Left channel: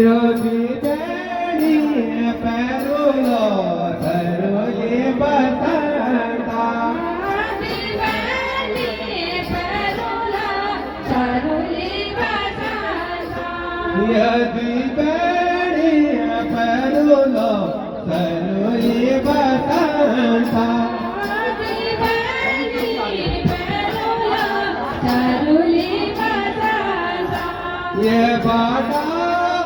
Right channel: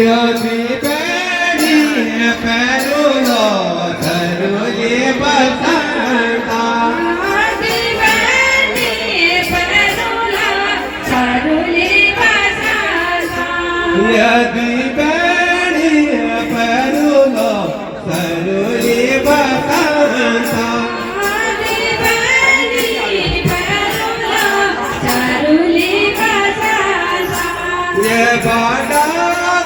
यदि बेड़ी पैरुलो धरुले बसंता यदि बेड़ी पैरुलो धरुले बसंता ये बाड़ा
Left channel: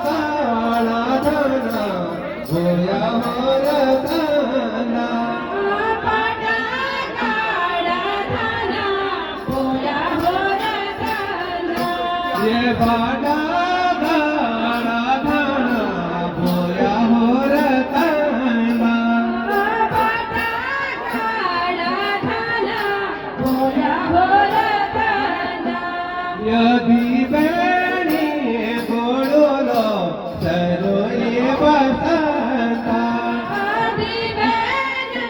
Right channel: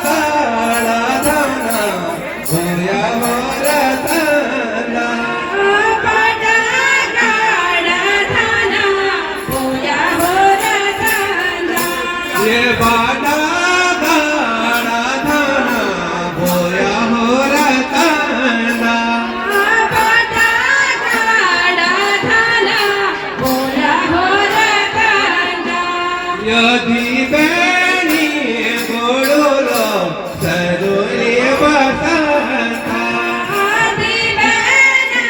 गाड़ा धना होया मोर धना बाड़ा गाड़ा धना होया मोर धना ये बाड़ा गाड़ा धना होया मोर धना बाड़ा गाड़ा धना होया मोर धना यदि बेणी गोड़ोलो सरोले बसंता आदि बेने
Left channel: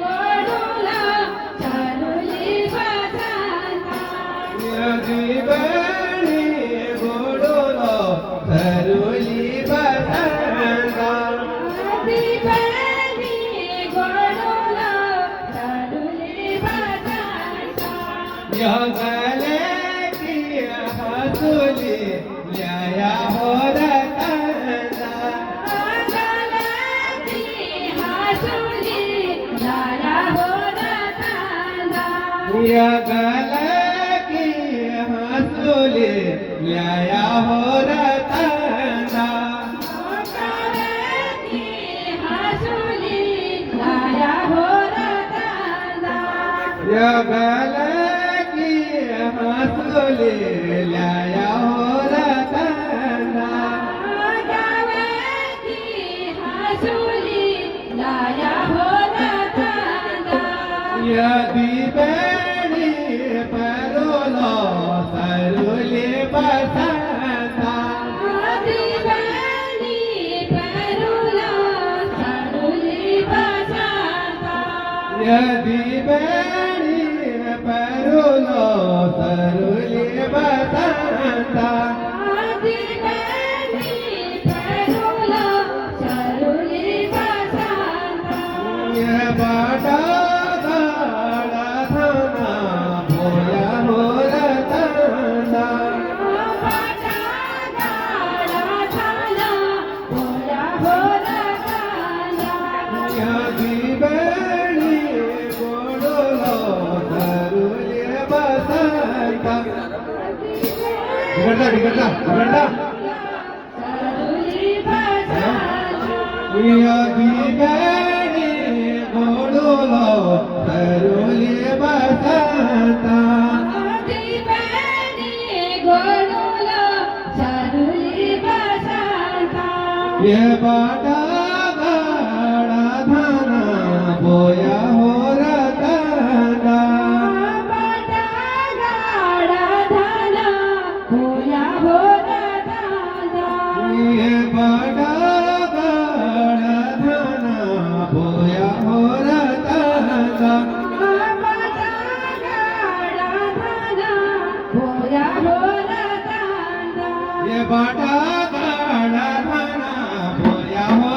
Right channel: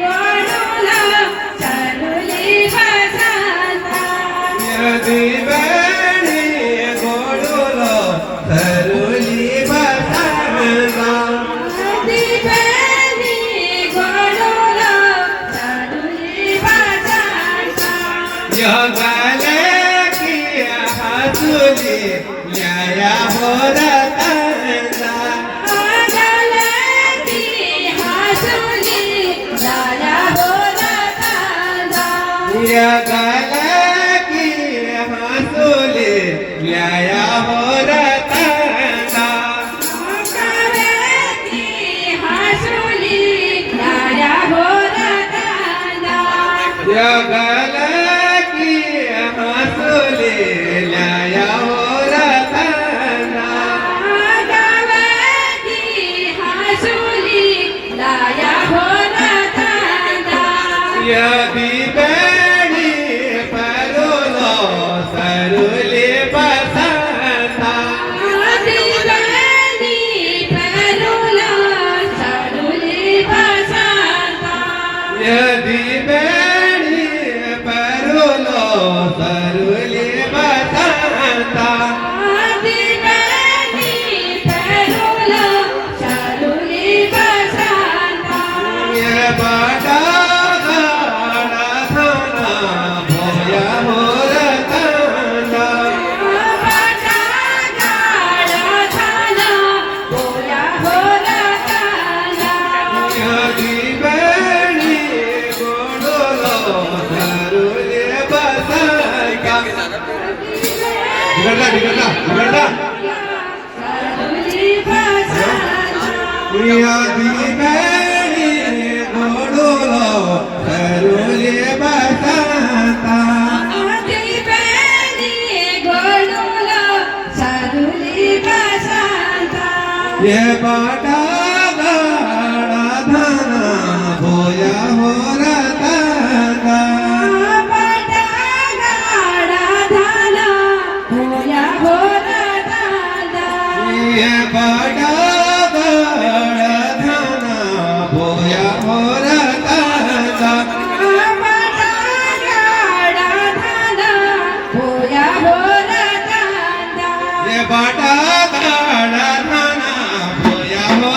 गोडुला चरुली बसंता यदि बेणी गोड़ोलो सरोले बसंता आदि बेने गोडुला चरुली बसंता यह गले की हंसुली न्याया हो रतंदा गले की हंसुली लाया हो रतंदा यह गले की हंसुली न्याया हो रतंदा गले की हंसुली लाया हो रतंदा यह गले की हंसुली न्याया हो रतंदा गले की हंसुली लाया हो रतंदा यदि बेड़ी परोलो सरुले बसंता आदि बेनी परुला चरुली बसंता यदि बेड़ी परोलो सरुले बसंता आदि बेनी परुला चरुली बसंता ये बाड़ा गाड़ा धना होया हो रतंदा बाड़ा गाड़ा धना होया हो रतंदा यदि बेड़ी गोड़ोलो सरुले बसंता बिगड़ता चरुली बसंता यदि बेड़ी गोड़ोलो सरुले बसंता आदि बेनी गोडुला चरुली बसंता ये बाड़ा गाड़ा धना होया हो रतंदा बाड़ा गाड़ा धना होया हो रतंदा ये बाड़ा गाड़ा धना होया हो रतंदा बाड़ा गाड़ा धना होया हो रतंदा ये बाड़ा गाड़ा धना होया हो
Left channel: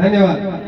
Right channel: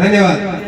धन्यवाद